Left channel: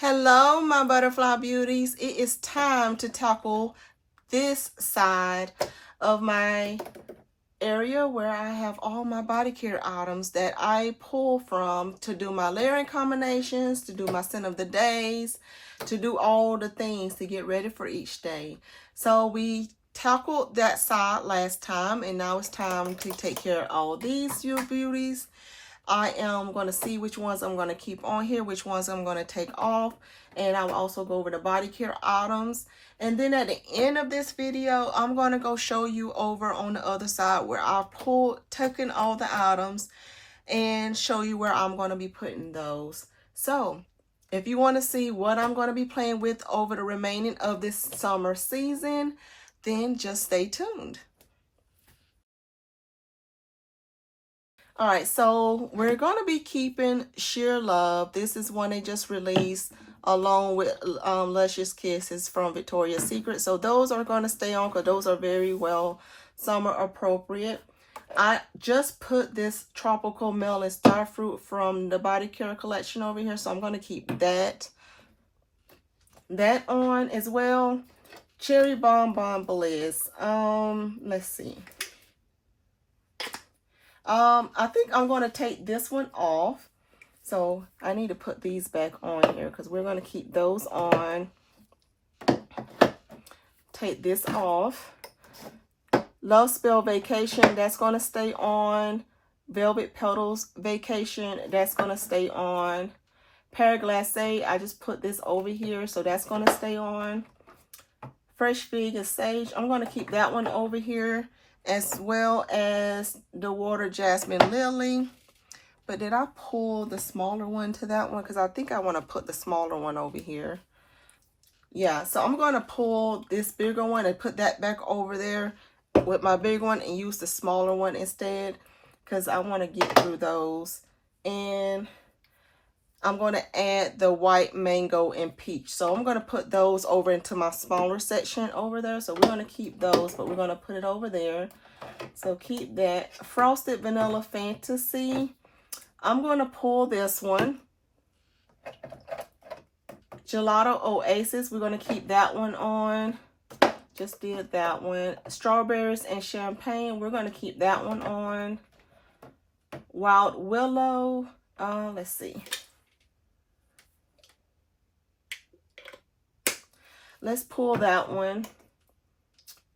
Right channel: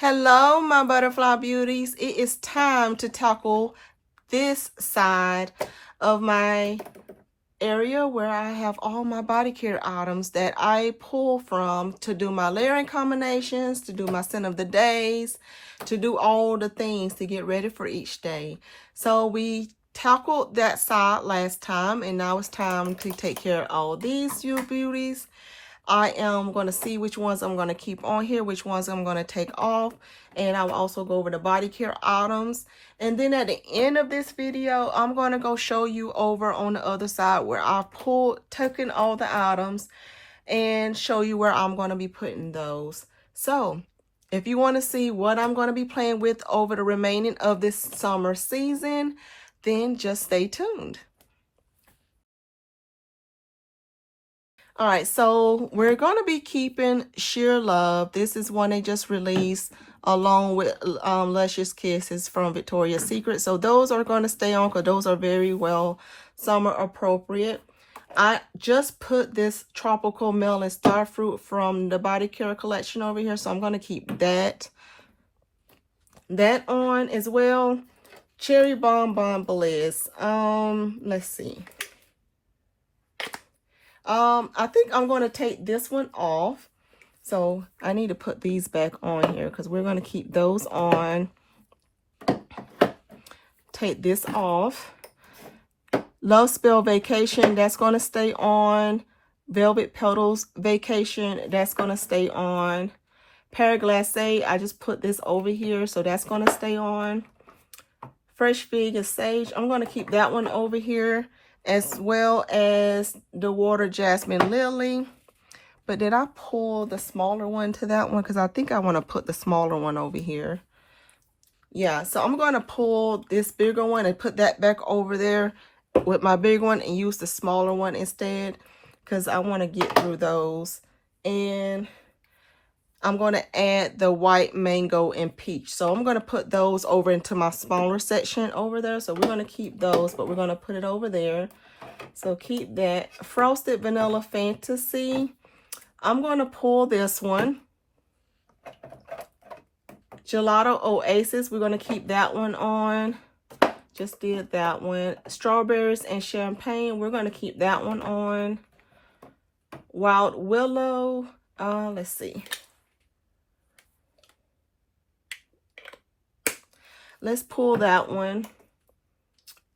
Hello, my butterfly beauties. It is time to tackle this side of my area where I have all my body care items that I pull from to do my layering combinations, to do my scent of the days, to do all the things to get ready for each day. So we tackled that side last time, and now it's time to take care of all these, you beauties. I am going to see which ones I'm going to keep on here, which ones I'm going to take off, and I will also go over the body care items. And then at the end of this video, I'm going to go show you over on the other side where I taken all the items and show you where I'm going to be putting those. So if you want to see what I'm going to be playing with over the remaining of this summer season, then just stay tuned. All right, so we're going to be keeping Sheer Love. This is one they just released along with Luscious Kisses from Victoria's Secret. So those are going to stay on because those are very well summer appropriate. I just put this Tropical Melon Starfruit from the Body Care Collection over here, so I'm going to keep that on as well. Cherry Bonbon Bliss. Let's see. I think I'm going to take this one off. So I need to put these back on here because we're going to keep those on. Take this off. Love Spell Vacation, that's going to stay on. Velvet Petals Vacation, that's going to stay on. Paraglacé, I just put this over here, so that's going to stay on. Fresh Fig and Sage, I'm going to keep that one over here, as well as the Water Jasmine Lily. But did I pull the smaller one to that one? Because I think I want to put the smaller one over here. Yeah, so I'm going to pull this bigger one and put that back over there with my big one and use the smaller one instead, because I want to get through those. And I'm going to add the white mango and peach. So I'm going to put those over into my smaller section over there. So we're going to keep those, but we're going to put it over there. So keep that. Frosted Vanilla Fantasy. I'm going to pull this one. Gelato Oasis. We're going to keep that one on. Just did that one. Strawberries and Champagne. We're going to keep that one on. Wild Willow. Let's see. Let's pull that one.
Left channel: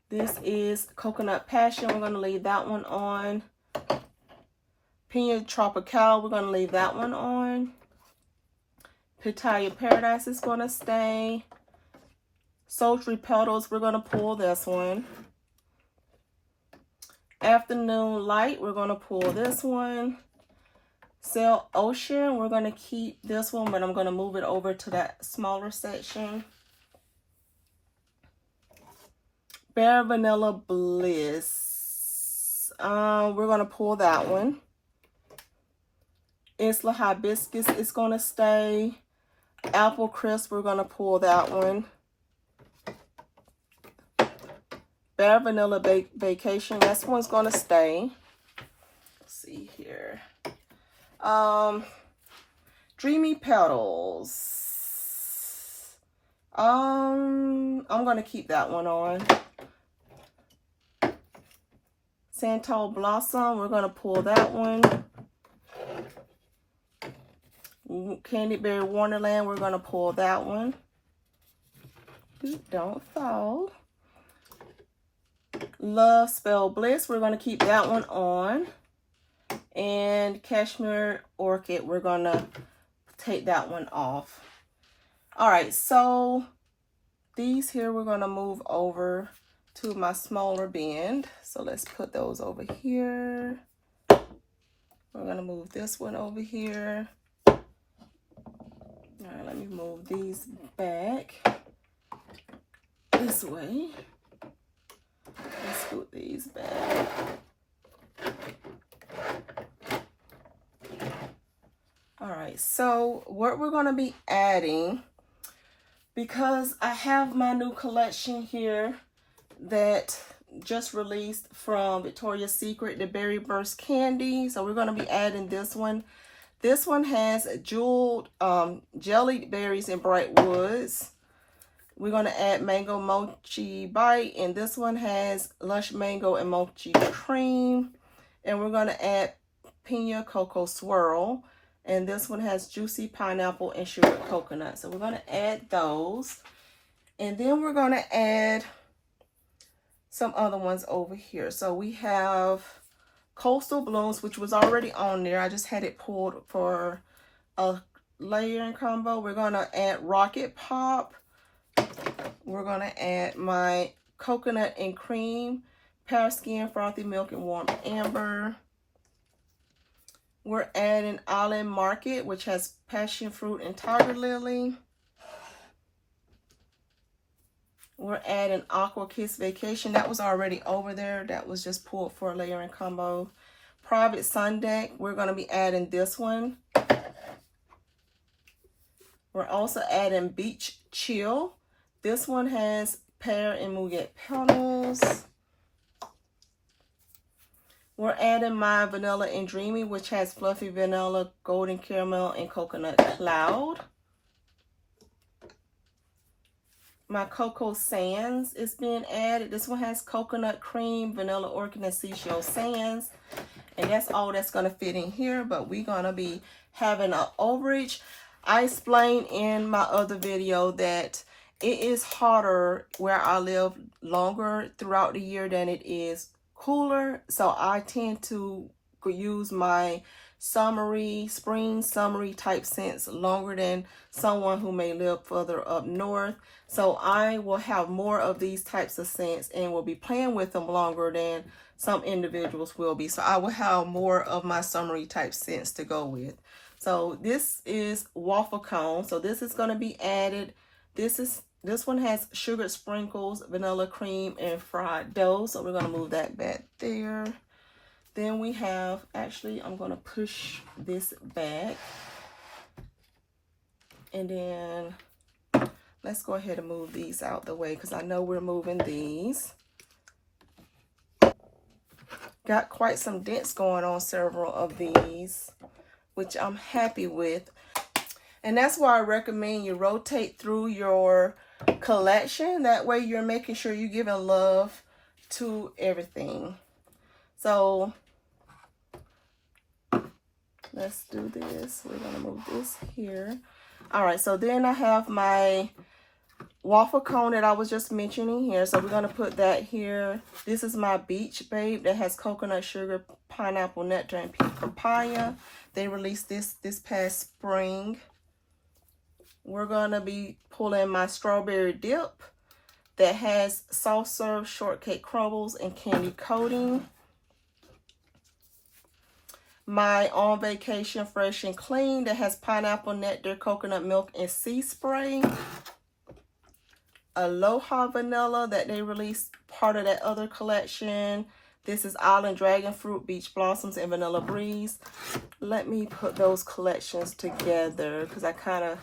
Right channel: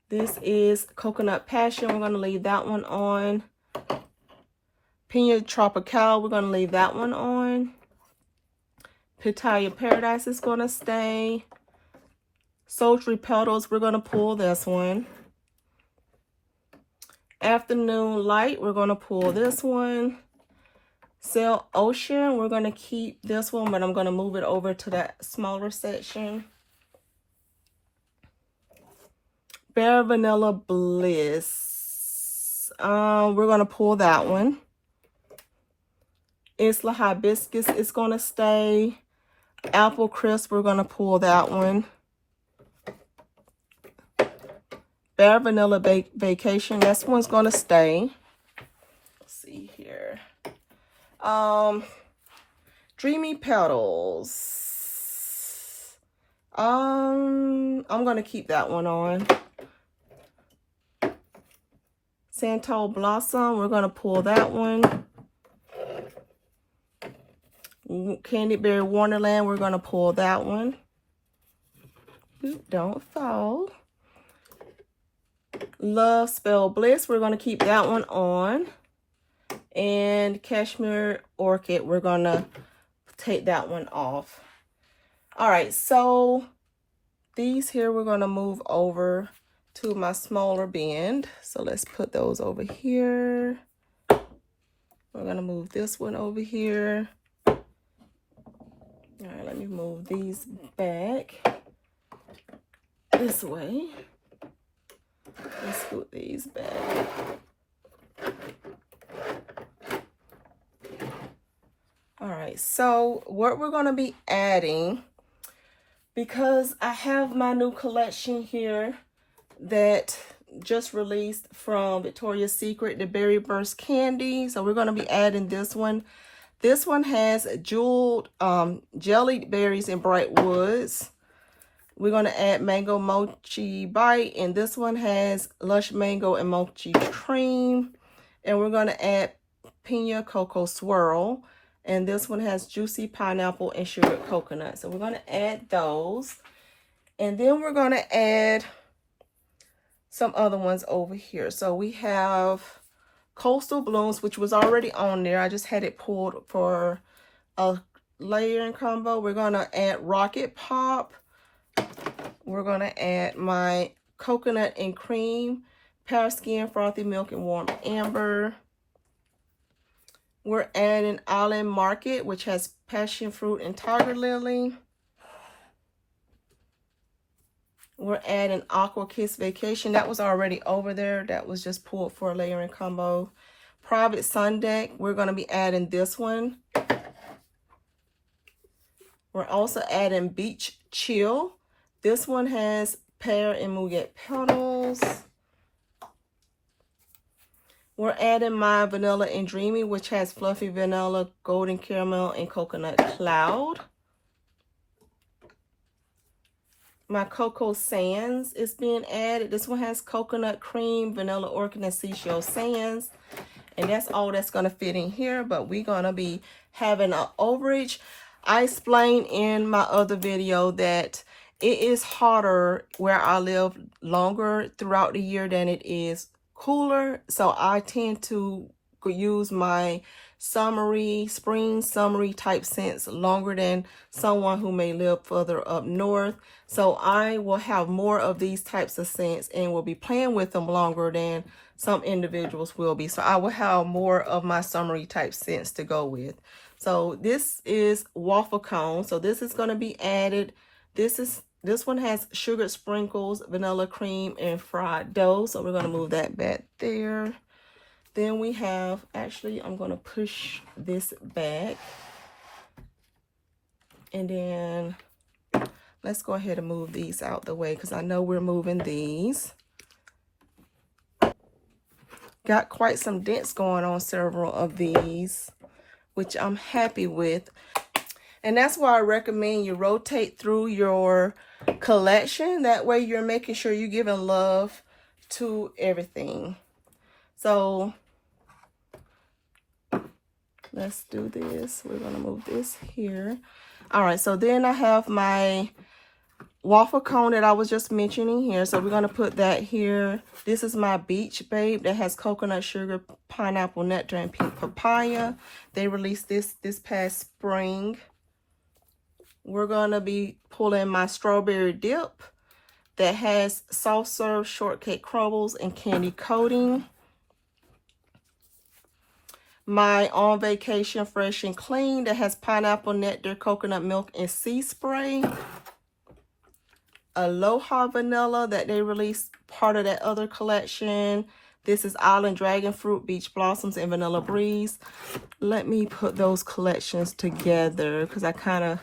This is Coconut Passion. We're going to leave that one on. Pina Tropical. We're going to leave that one on. Pitaya Paradise is going to stay. Sultry Petals. We're going to pull this one. Afternoon Light. We're going to pull this one. Sail Ocean. We're going to keep this one, but I'm going to move it over to that smaller section. Bare Vanilla Bliss. We're going to pull that one. Isla Hibiscus is going to stay. Apple Crisp, we're going to pull that one. Bare Vanilla Vacation, this one's going to stay. Let's see here. Dreamy Petals. I'm going to keep that one on. Santal Blossom, we're going to pull that one. Candy Berry Wonderland, we're going to pull that one. Don't fall. Love Spell Bliss, we're going to keep that one on. And Cashmere Orchid, we're going to take that one off. All right, so these here we're going to move over to my smaller bin. So let's put those over here. We're going to move this one over here. All right, let me move these back this way. Let's scoot these back. All right, so what we're going to be adding, because I have my new collection here that just released from Victoria's Secret, the Berry Burst Candy. So we're going to be adding this one. This one has jeweled jellied berries and bright woods. We're going to add mango mochi bite, and this one has lush mango and mochi cream. And we're going to add pina cocoa swirl, and this one has juicy pineapple and sugar coconut. So we're going to add those, and then we're going to add some other ones over here. So we have Coastal Blooms, which was already on there. I just had it pulled for a layering combo. We're going to add Rocket Pop. We're going to add my coconut and cream, Paris Skin, Frothy Milk, and Warm Amber. We're adding Island Market, which has passion fruit and tiger lily. We're adding Aqua Kiss Vacation. That was already over there. That was just pulled for a layering combo. Private Sun Deck. We're going to be adding this one. We're also adding Beach Chill. This one has pear and muguet petals. We're adding my Vanilla and Dreamy, which has fluffy vanilla, golden caramel, and coconut cloud. My Cocoa Sands is being added. This one has coconut cream, vanilla orchid, and seashell sands. And that's all that's going to fit in here. But we're going to be having an overage. I explained in my other video that it is hotter where I live longer throughout the year than it is cooler. So I tend to use my spring summery type scents longer than someone who may live further up north. So I will have more of these types of scents and will be playing with them longer than some individuals will be. So I will have more of my summery type scents to go with. So this is waffle cone. So this is going to be added. This one has sugared sprinkles, vanilla cream, and fried dough. So we're going to move that back there. Then we have, actually, I'm going to push this back. And then let's go ahead and move these out the way because I know we're moving these. Got quite some dents going on several of these, which I'm happy with. And that's why I recommend you rotate through your collection. That way you're making sure you're giving love to everything. So let's do this. We're going to move this here. All right, so then I have my waffle cone that I was just mentioning here. So we're going to put that here. This is my Beach Babe that has coconut sugar, pineapple nectar, and pink papaya. They released this past spring. We're going to be pulling my strawberry dip that has soft serve shortcake crumbles and candy coating. My On Vacation Fresh and Clean that has pineapple nectar, coconut milk, and sea spray. Aloha Vanilla that they released part of that other collection. This is Island Dragon Fruit, Beach Blossoms, and Vanilla Breeze. Let me put those collections together because I kind of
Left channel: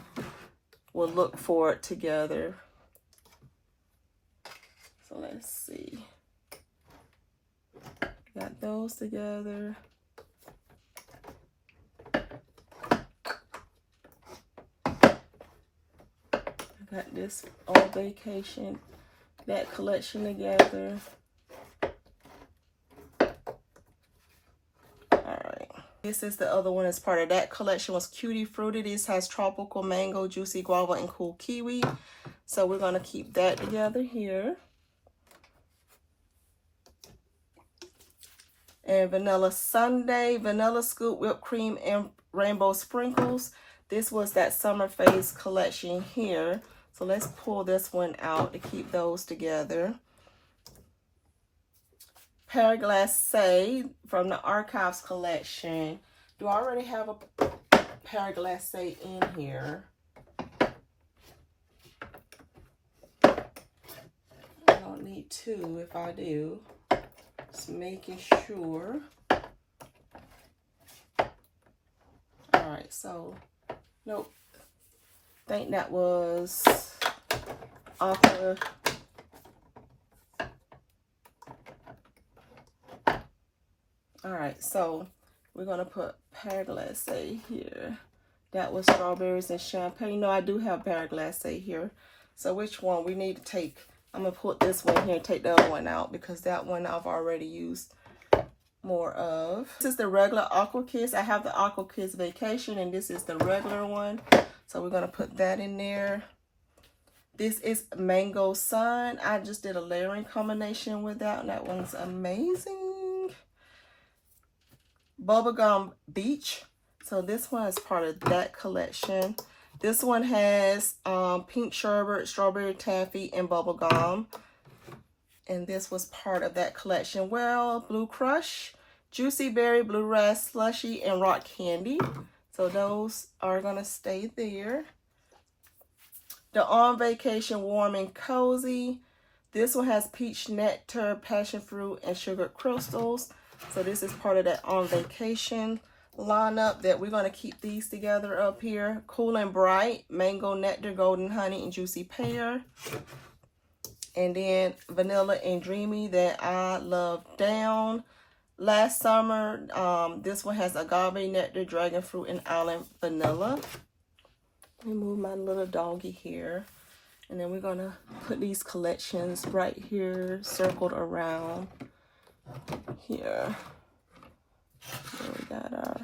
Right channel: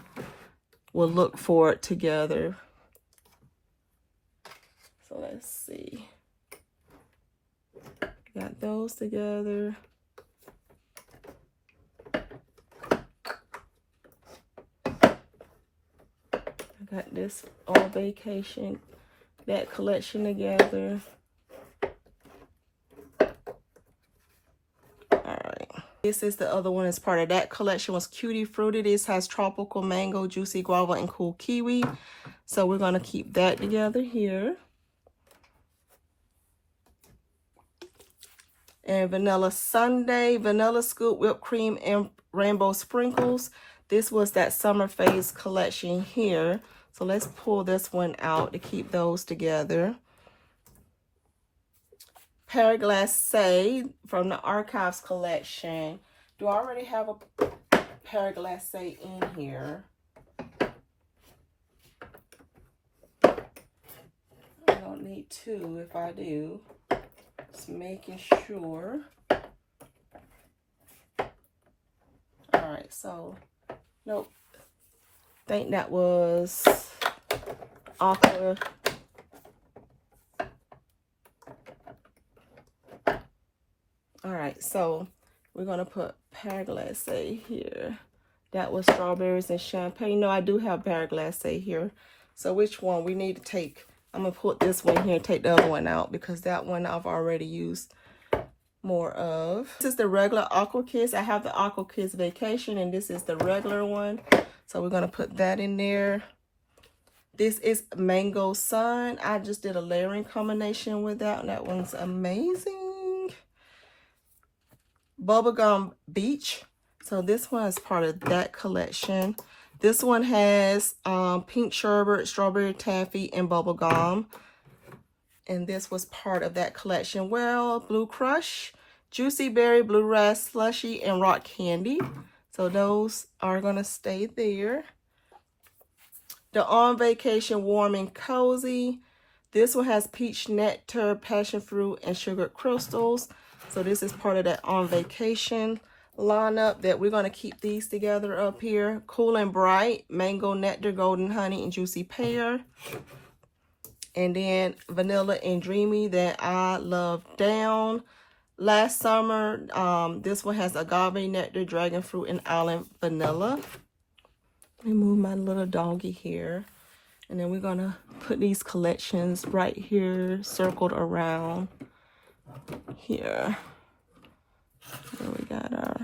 will look for it together. So let's see. Got those together. I got this On Vacation, that collection together. This is the other one as part of that collection. Was Cutie Fruity. This has tropical mango, juicy guava, and cool kiwi. So we're going to keep that together here. And Vanilla Sundae, vanilla scoop, whipped cream, and rainbow sprinkles. This was that summer phase collection here. So let's pull this one out to keep those together. Paraglacé from the Archives collection. Do I already have a Paraglacé in here? I don't need two if I do. Just making sure. Alright, so, nope. I think that was Aqua. All right, so we're going to put Pear Glacé here. That was strawberries and champagne. No, I do have Pear Glacé here. So which one we need to take? I'm going to put this one here and take the other one out because that one I've already used more of. This is the regular Aqua Kiss. I have the Aqua Kiss Vacation, and this is the regular one. So we're going to put that in there. This is Mango Sun. I just did a layering combination with that, and that one's amazing. Bubblegum Beach. So this one is part of that collection. This one has pink sherbet, strawberry taffy, and bubblegum. And this was part of that collection. Well, Blue Crush, Juicy Berry, Blue Ras Slushy, and Rock Candy. So those are going to stay there. The On Vacation Warm and Cozy. This one has peach nectar, passion fruit, and sugar crystals. So this is part of that On Vacation lineup that we're going to keep these together up here. Cool and Bright, Mango Nectar, Golden Honey, and Juicy Pear. And then Vanilla and Dreamy that I love down. Last summer, this one has Agave Nectar, Dragon Fruit, and Island Vanilla. Let me move my little doggy here. And then we're going to put these collections right here, circled around here. And we got our...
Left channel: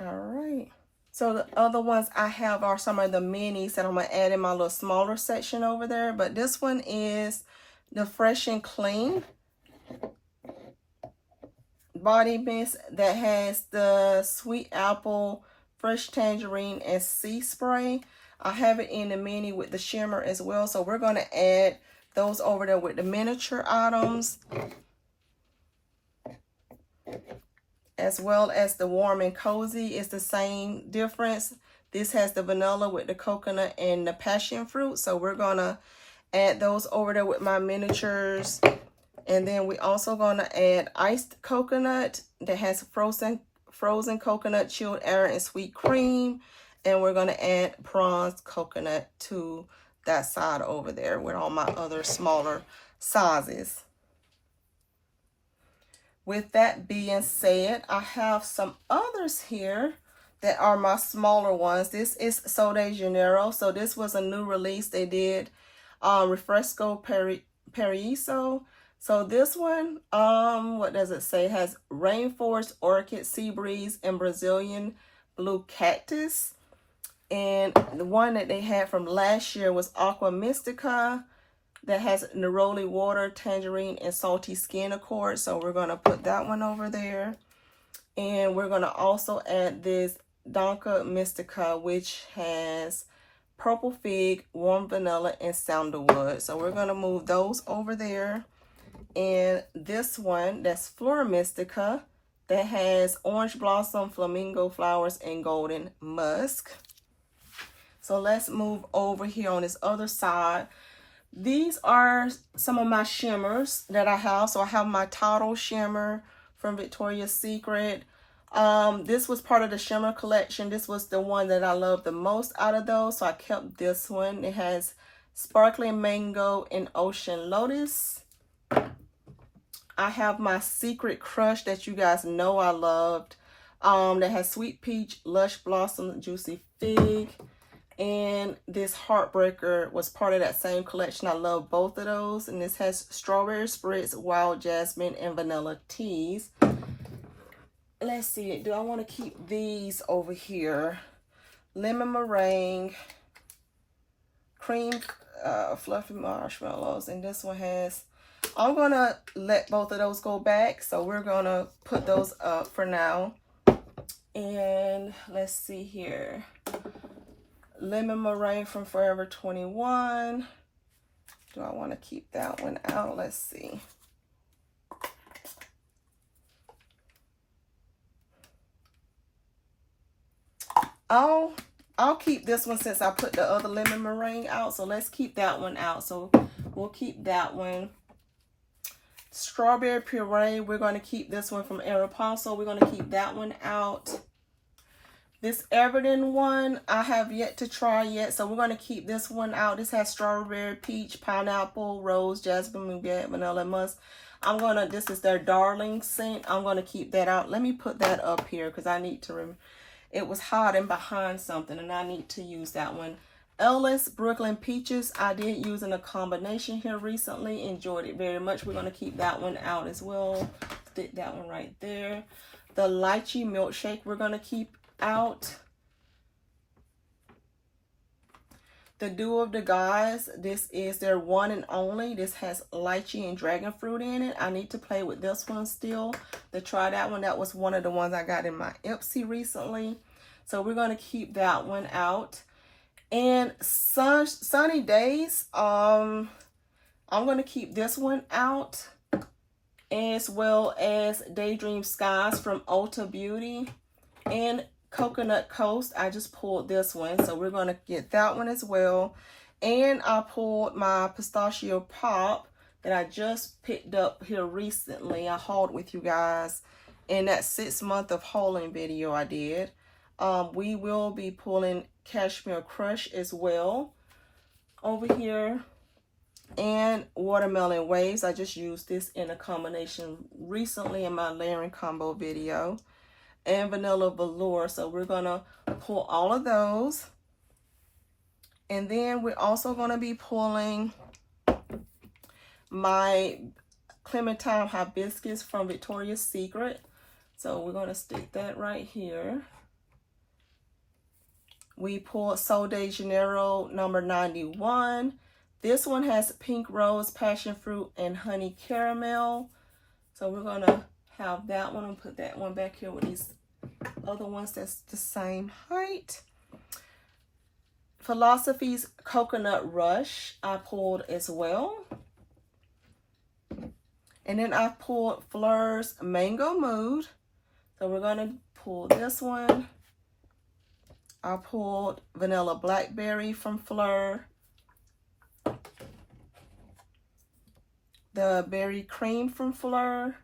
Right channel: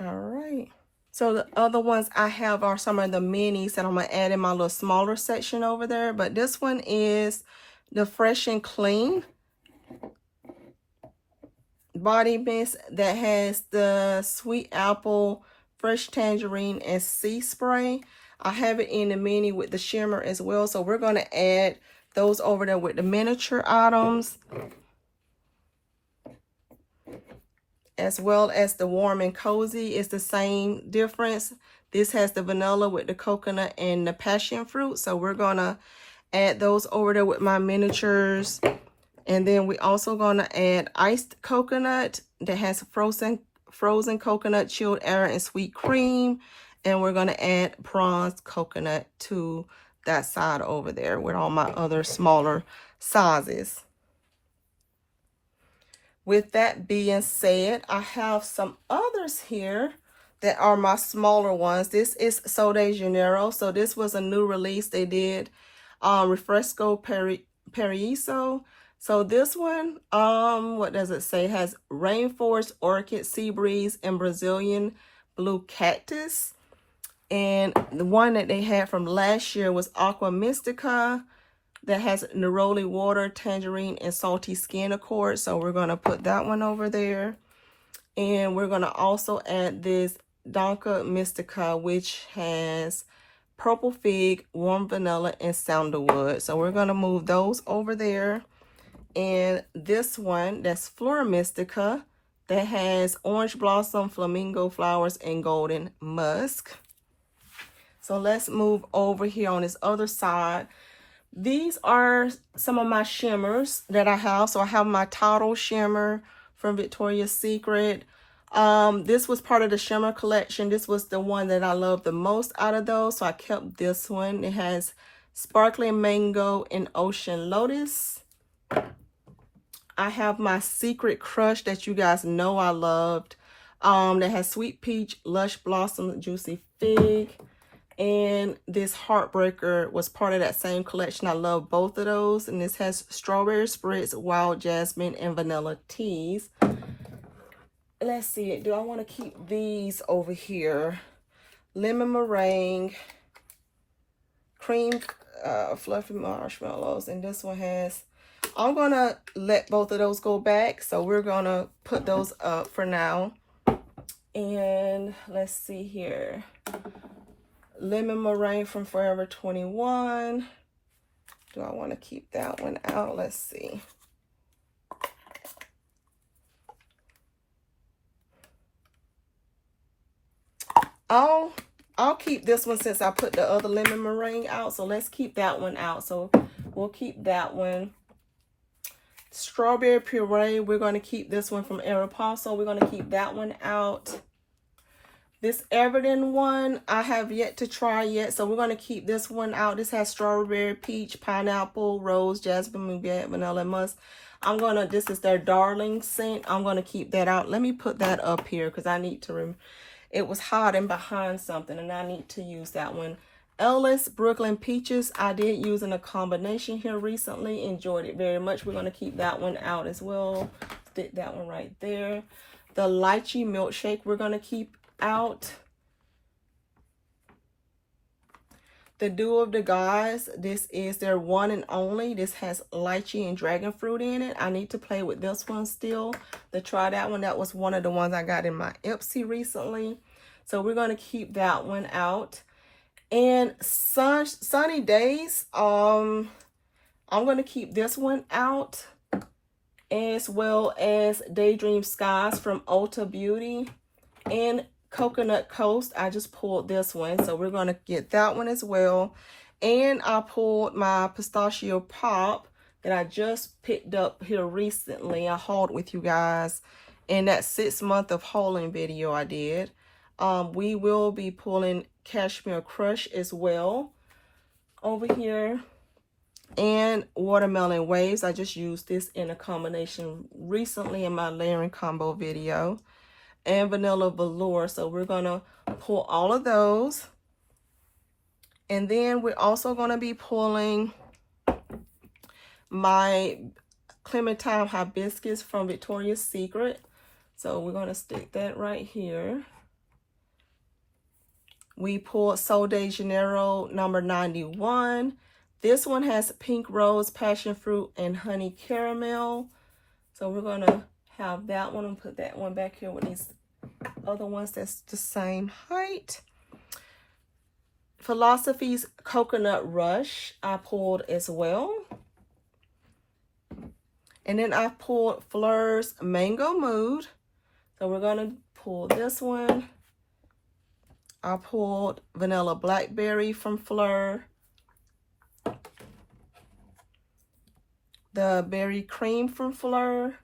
All right. So the other ones I have are some of the minis that I'm going to add in my little smaller section over there. But this one is the Fresh and Clean body mist that has the sweet apple, fresh tangerine, and sea spray. I have it in the mini with the shimmer as well. So we're going to add those over there with the miniature items, as well as the Warm and Cozy. It's the same difference. This has the vanilla with the coconut and the passion fruit. So we're going to add those over there with my miniatures. And then we also going to add iced coconut that has frozen coconut, chilled air, and sweet cream. And we're going to add prawns coconut to that side over there with all my other smaller sizes. With that being said, I have some others here that are my smaller ones. This is So de Janeiro. So this was a new release they did. Refresco Paraíso. So this one, what does it say? It has Rainforest Orchid, Sea Breeze, and Brazilian Blue Cactus. And the one that they had from last year was Aqua Mystica. That has neroli water, tangerine, and salty skin accord. So we're going to put that one over there. And we're going to also add this Danca Mystica, which has purple fig, warm vanilla, and sandalwood. So we're going to move those over there. And this one, that's Phlur Mystica, that has orange blossom, flamingo flowers, and golden musk. So let's move over here on this other side. These are some of my shimmers that I have. So I have my Total Shimmer from Victoria's Secret. This was part of the shimmer collection. This was the one that I loved the most out of those. So I kept this one. It has Sparkling Mango and Ocean Lotus. I have my Secret Crush that you guys know I loved. That has Sweet Peach, Lush Blossom, Juicy Fig. And this Heartbreaker was part of that same collection. I love both of those. And this has Strawberry Spritz, Wild Jasmine, and Vanilla Teas. Let's see. Do I want to keep these over here? Lemon Meringue, Cream Fluffy Marshmallows. And this one has... I'm going to let both of those go back. So we're going to put those up for now. And let's see here. Lemon Meringue from Forever 21. Do I want to keep that one out? Let's see. I'll keep this one since I put the other Lemon Meringue out. So let's keep that one out. So we'll keep that one. Strawberry Puree. We're going to keep this one from Aeropostale. We're going to keep that one out. This Everton one, I have yet to try yet, so we're going to keep this one out. This has strawberry, peach, pineapple, rose, jasmine, nougat, vanilla, and musk. This is their darling scent. I'm going to keep that out. Let me put that up here because I need to, it was hiding behind something and I need to use that one. Ellis Brooklyn Peaches, I did use in a combination here recently. Enjoyed it very much. We're going to keep that one out as well. Stick that one right there. The Lychee Milkshake we're going to keep out. The Dew of the Gods, this is their one and only. This has lychee and dragon fruit in it. I need to play with this one still to try that one. That was one of the ones I got in my Ipsy recently. So we're going to keep that one out. And Sunny Days, I'm going to keep this one out, as well as Daydream Skies from Ulta Beauty and Coconut Coast. I just pulled this one, so we're going to get that one as well. And I pulled my Pistachio Pop that I just picked up here recently. I hauled with you guys in that 6-month of hauling video I did. We will be pulling Cashmere Crush as well over here. And Watermelon Waves. I just used this in a combination recently in my layering combo video. And Vanilla Velour. So we're going to pull all of those. And then we're also going to be pulling my Clementine Hibiscus from Victoria's Secret. So we're going to stick that right here. We pulled Sol de Janeiro number 91. This one has pink rose, passion fruit, and honey caramel. So we're going to have that one and put that one back here with these other ones that's the same height. Philosophy's Coconut Rush I pulled as well. And then I pulled Phlur's Mango Mood. So we're going to pull this one. I pulled Vanilla Blackberry from Phlur. The Berry Cream from Phlur.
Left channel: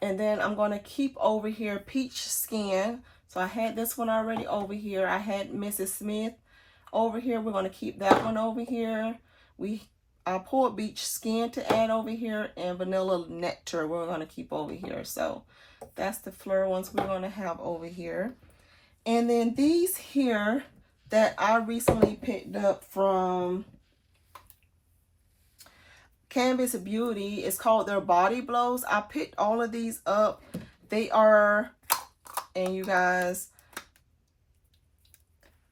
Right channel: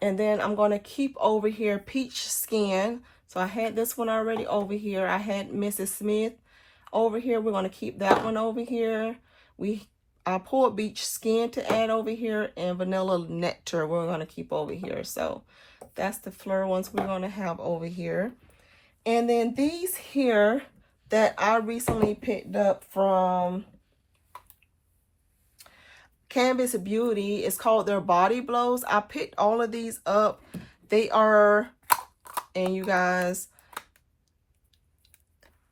And then I'm going to keep over here Peach Skin. So I had this one already over here. I had Mrs. Smith over here. We're going to keep that one over here. I pulled Peach Skin to add over here, and Vanilla Nectar we're going to keep over here. So that's the Phlur ones we're going to have over here. And then these here that I recently picked up from Canvas Beauty, it's called their Body Blows. I picked all of these up. They are, and you guys,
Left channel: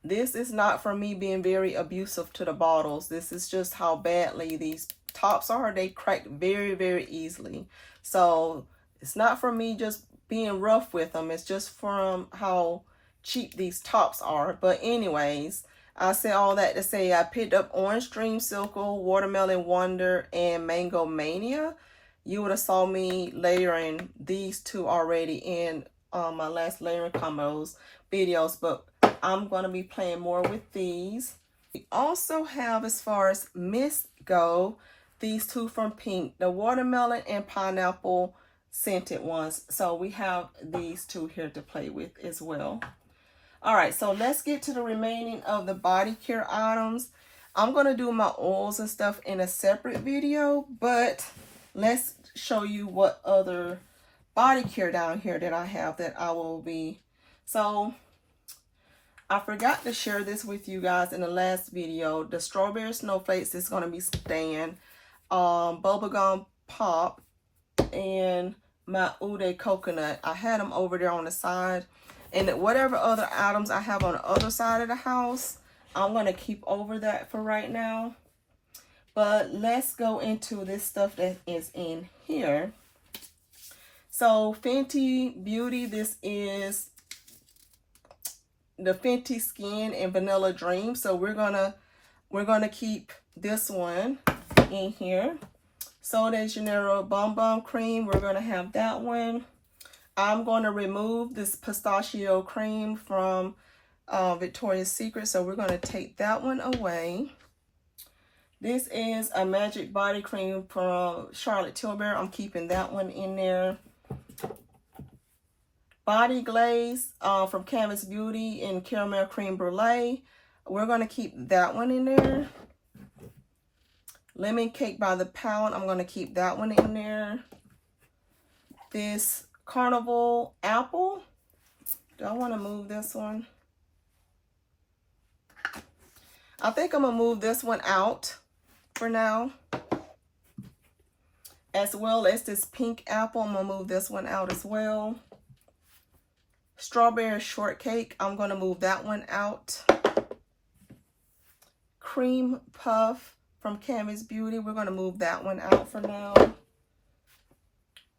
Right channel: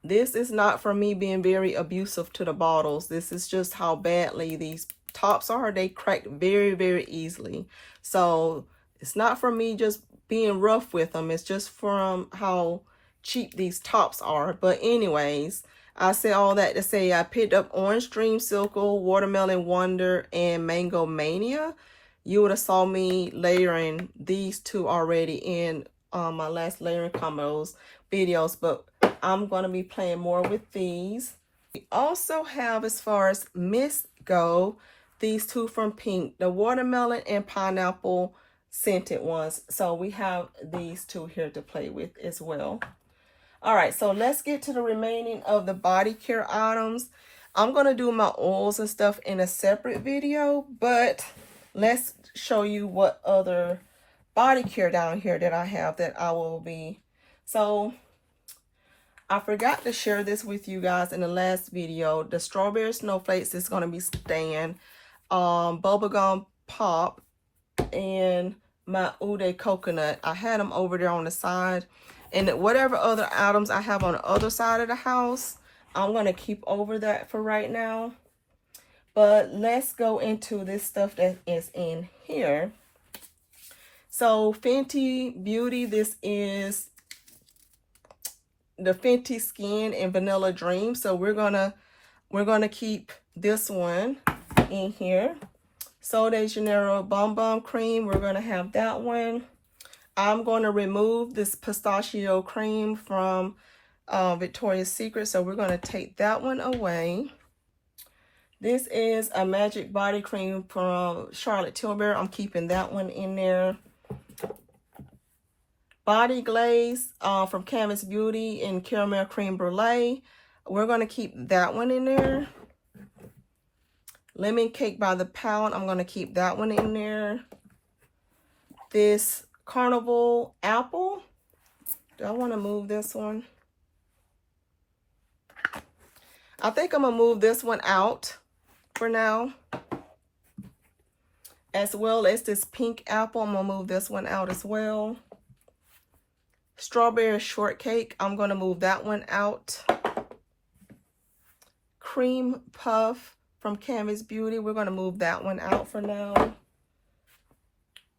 this is not for me being very abusive to the bottles. This is just how badly these tops are. They crack very, very easily. So it's not for me just being rough with them. It's just from how cheap these tops are. But anyways, I said all that to say I picked up Orange Dreamsicle, Watermelon Wonder, and Mango Mania. You would have saw me layering these two already in my last layering combos videos, but I'm going to be playing more with these. We also have, as far as Mist go, these two from Pink, the Watermelon and Pineapple scented ones. So we have these two here to play with as well. All right, so let's get to the remaining of the body care items. I'm going to do my oils and stuff in a separate video, but let's show you what other body care down here that I have that I will be. So I forgot to share this with you guys in the last video. The Strawberry Snowflakes is going to be staying. Bubblegum Pop and my Ude Coconut. I had them over there on the side. And whatever other items I have on the other side of the house, I'm going to keep over that for right now. But let's go into this stuff that is in here. So Fenty Beauty, this is the Fenty Skin and Vanilla Dream. So we're gonna keep this one in here. Sol de Janeiro Bum Bum Cream, we're gonna have that one. I'm going to remove this pistachio cream from Victoria's Secret, so we're going to take that one away. This is a Magic Body Cream from Charlotte Tilbury. I'm keeping that one in there. Body Glaze from Canvas Beauty in Caramel Cream Brulee. We're going to keep that one in there. Lemon Cake by the Pound. I'm going to keep that one in there. This Carnival Apple. Do I want to move this one? I think I'm going to move this one out for now. As well as this Pink Apple. I'm going to move this one out as well. Strawberry Shortcake. I'm going to move that one out. Cream Puff from Canvas Beauty. We're going to move that one out for now.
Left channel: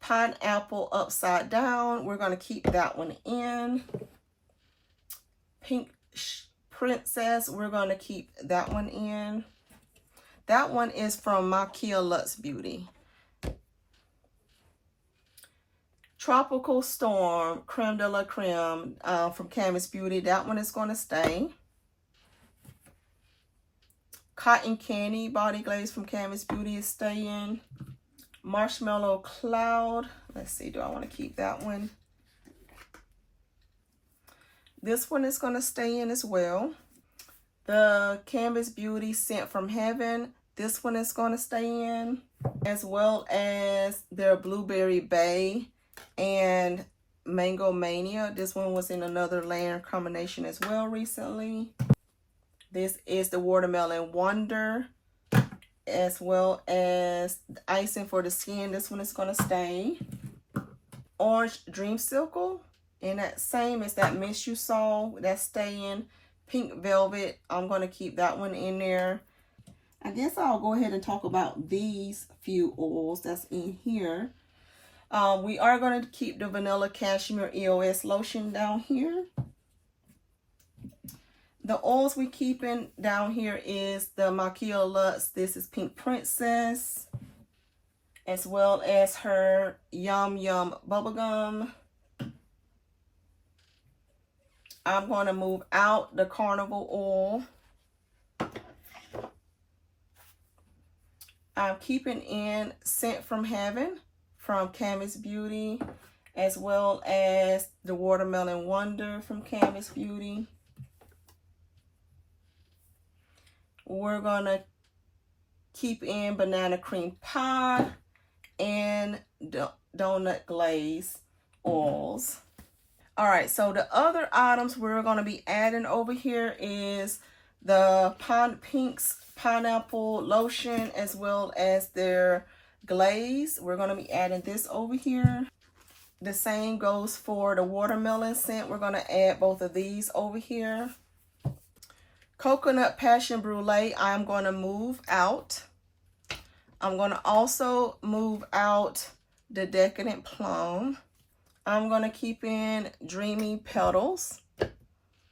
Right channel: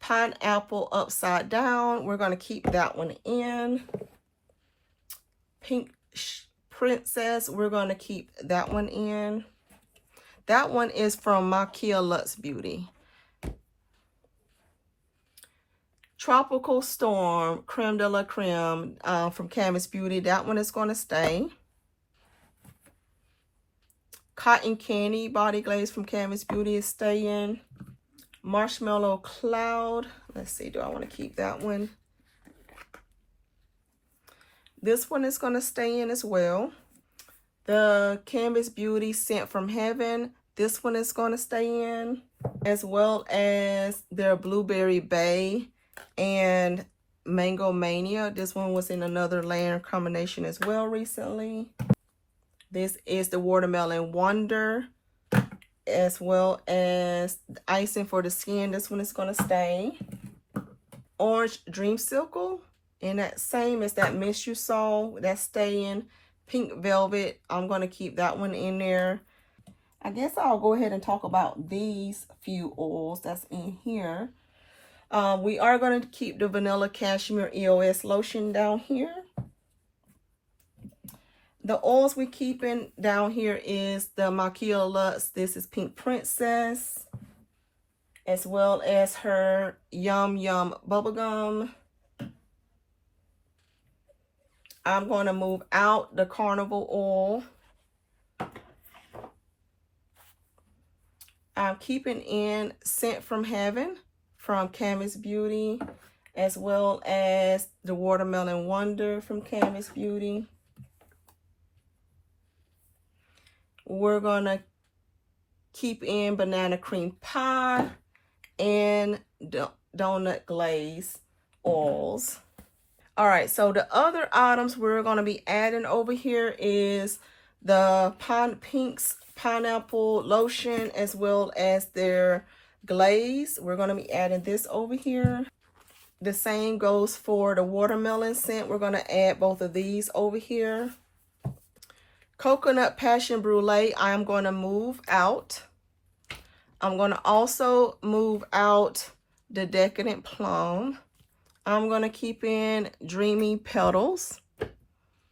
Pineapple Upside Down. We're going to keep that one in. Pink Princess. We're going to keep that one in. That one is from Makia Luxe Beauty. Tropical Storm Creme de la Creme from Canvas Beauty. That one is going to stay. Cotton Candy Body Glaze from Canvas Beauty is staying. Marshmallow Cloud. Let's see, do I want to keep that one? This one is going to stay in as well. The Canvas Beauty Scent from Heaven. This one is going to stay in. As well as their Blueberry Bay and Mango Mania. This one was in another layer combination as well recently. This is the Watermelon Wonder, as well as icing for the skin. This one is going to stay. Orange Dreamsicle, and that same as that mist you saw, that's staying. Pink Velvet, I'm going to keep that one in there. I guess I'll go ahead and talk about these few oils that's in here. We are going to keep the Vanilla Cashmere EOS Lotion down here. The oils we keeping down here is the Makia Luxe. This is Pink Princess, as well as her Yum Yum Bubblegum. I'm going to move out the Carnival oil. I'm keeping in Scent from Heaven from Canvas Beauty, as well as the Watermelon Wonder from Canvas Beauty. We're going to keep in Banana Cream Pie and Donut Glaze oils. All right, so the other items we're going to be adding over here is the Pink's Pineapple Lotion, as well as their glaze. We're going to be adding this over here. The same goes for the watermelon scent. We're going to add both of these over here. Coconut Passion Brulee, I'm going to move out. I'm going to also move out the Decadent Plum. I'm going to keep in Dreamy Petals,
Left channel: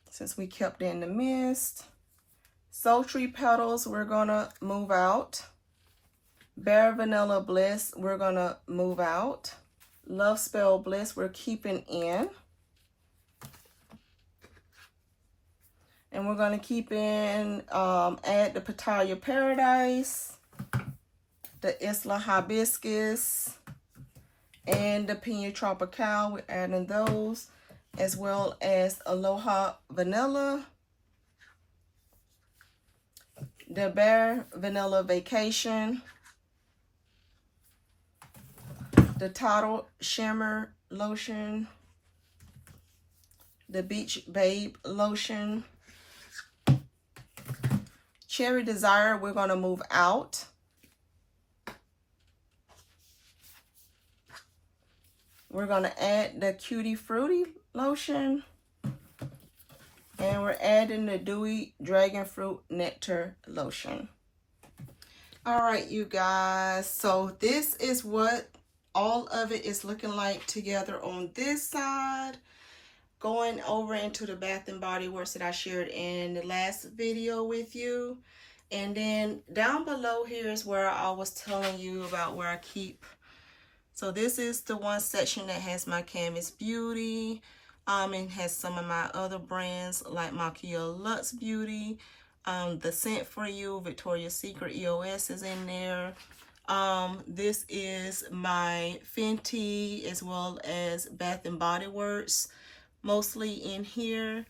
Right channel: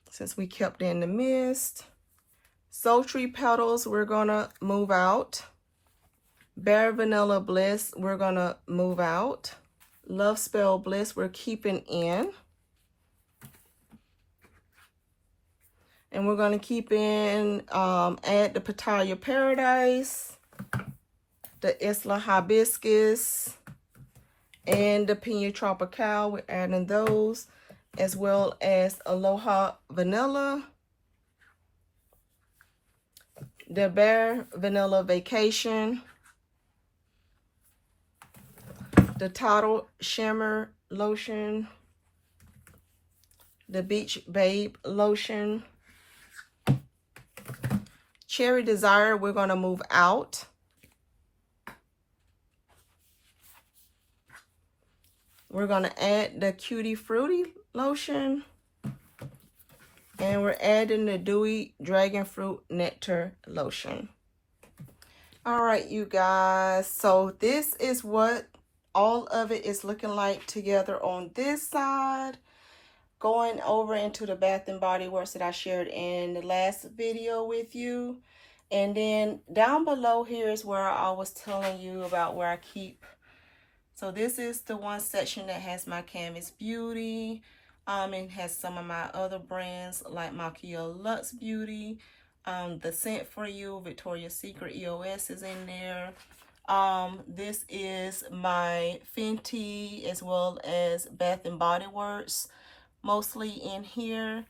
since we kept in the mist. Sultry Petals, we're going to move out. Bare Vanilla Bliss, we're going to move out. Love Spell Bliss, we're keeping in. And we're going to keep in, add the Pitaya Paradise, the Isla Hibiscus, and the Pina Tropical. We're adding those, as well as Aloha Vanilla, the Bare Vanilla Vacation, the Total Shimmer Lotion, the Beach Babe Lotion, Cherry Desire, we're going to move out. We're going to add the Cutie Fruity Lotion. And we're adding the Dewy Dragon Fruit Nectar Lotion. All right, you guys. So this is what all of it is looking like together on this side. Going over into the Bath and Body Works that I shared in the last video with you. And then down below here is where I was telling you about where I keep. So this is the one section that has my Canvas Beauty. It has some of my other brands like Makia Luxe Beauty. The Scent For You, Victoria's Secret EOS is in there. This is my Fenty as well as Bath and Body Works, mostly in here.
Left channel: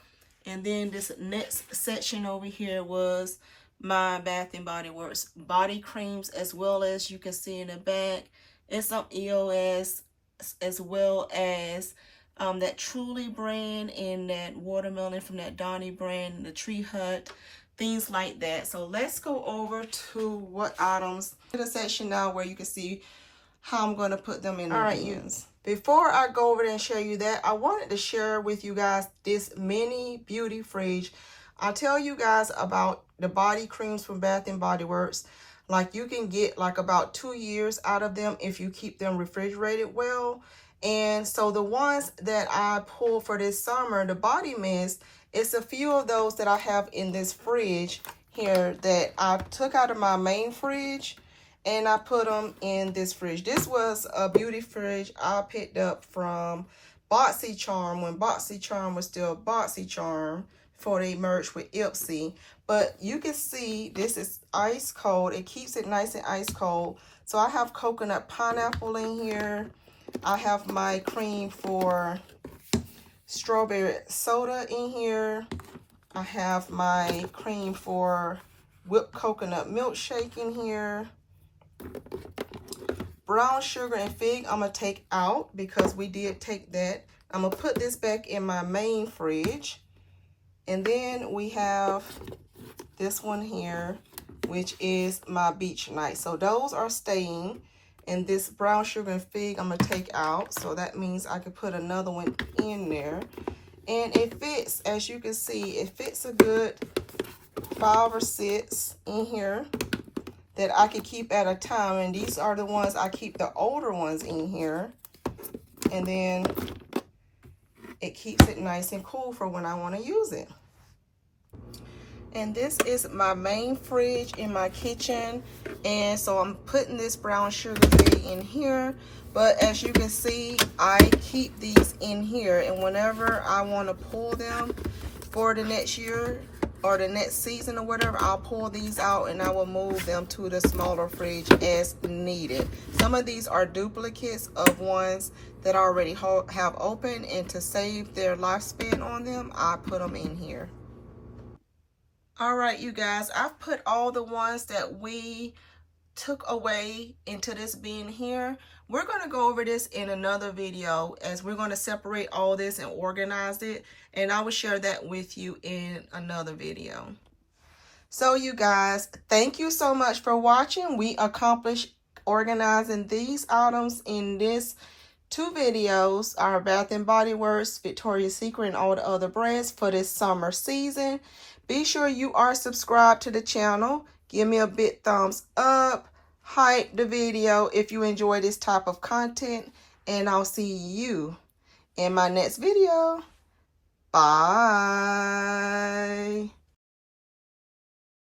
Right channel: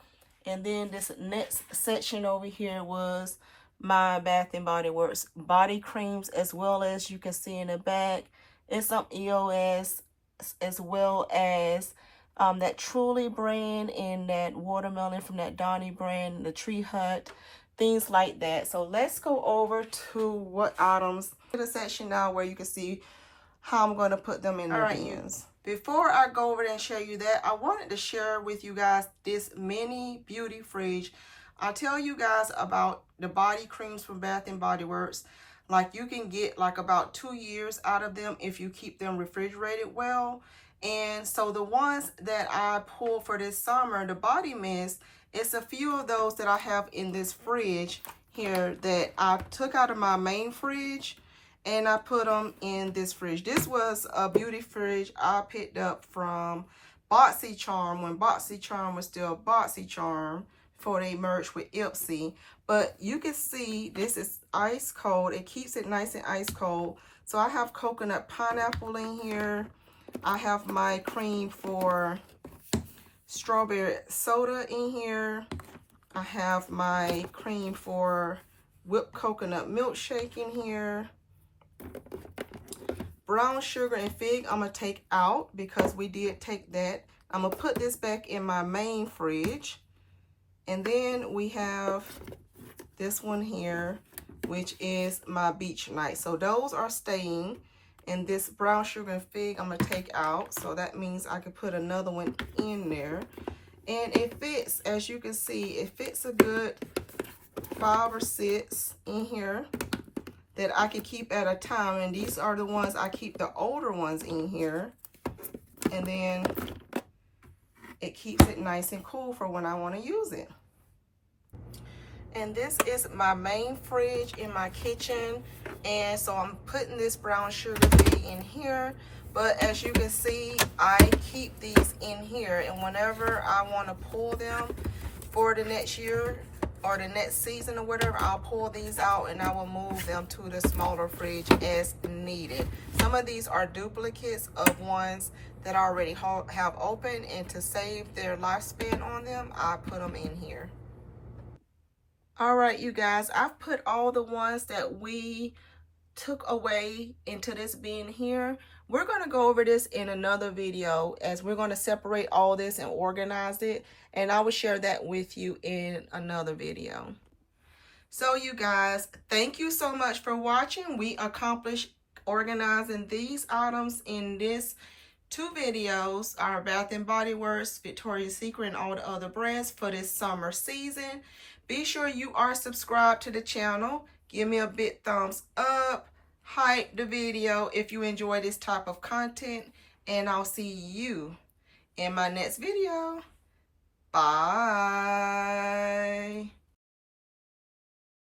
And then this next section over here was my Bath and Body Works body creams, as well as you can see in the back, it's some EOS, as well as that Truly brand and that watermelon from that Donny brand, the Tree Hut, things like that. So let's go over to what items to the section now where you can see how I'm going to put them in the bins. Before I go over there and show you that, I wanted to share with you guys this mini beauty fridge. I'll tell you guys about the body creams from Bath and Body Works. Like, you can get like about 2 years out of them if you keep them refrigerated well. And so the ones that I pulled for this summer, the body mist, it's a few of those that I have in this fridge here that I took out of my main fridge and I put them in this fridge. This was a beauty fridge I picked up from BoxyCharm when BoxyCharm was still BoxyCharm before they merged with Ipsy. But you can see this is ice cold. It keeps it nice and ice cold. So I have coconut pineapple in here. I have my cream for strawberry soda in here. I have my cream for whipped coconut milkshake in here. Brown sugar and fig I'm going to take out because we did take that. I'm going to put this back in my main fridge. And then we have this one here, which is my beach night. So those are staying. And this brown sugar and fig I'm going to take out. So that means I can put another one in there. And it fits, as you can see, it fits a good 5 or 6 in here that I can keep at a time. And these are the ones I keep the older ones in here. And then it keeps it nice and cool for when I want to use it. And this is my main fridge in my kitchen. And so I'm putting this brown sugar fig in here. But as you can see, I keep these in here. And whenever I want to pull them for the next year or the next season or whatever, I'll pull these out and I will move them to the smaller fridge as needed. Some of these are duplicates of ones that I already have open. And to save their lifespan on them, I put them in here. All right, you guys, I've put all the ones that we took away into this bin here. We're going to go over this in another video as we're going to separate all this and organize it. And I will share that with you in another video. So you guys, thank you so much for watching. We accomplished organizing these items in this 2 videos, our Bath and Body Works, Victoria's Secret, and all the other brands for this summer season. Be sure you are subscribed to the channel. Give me a big thumbs up. Hype the video if you enjoy this type of content. And I'll see you in my next video. Bye.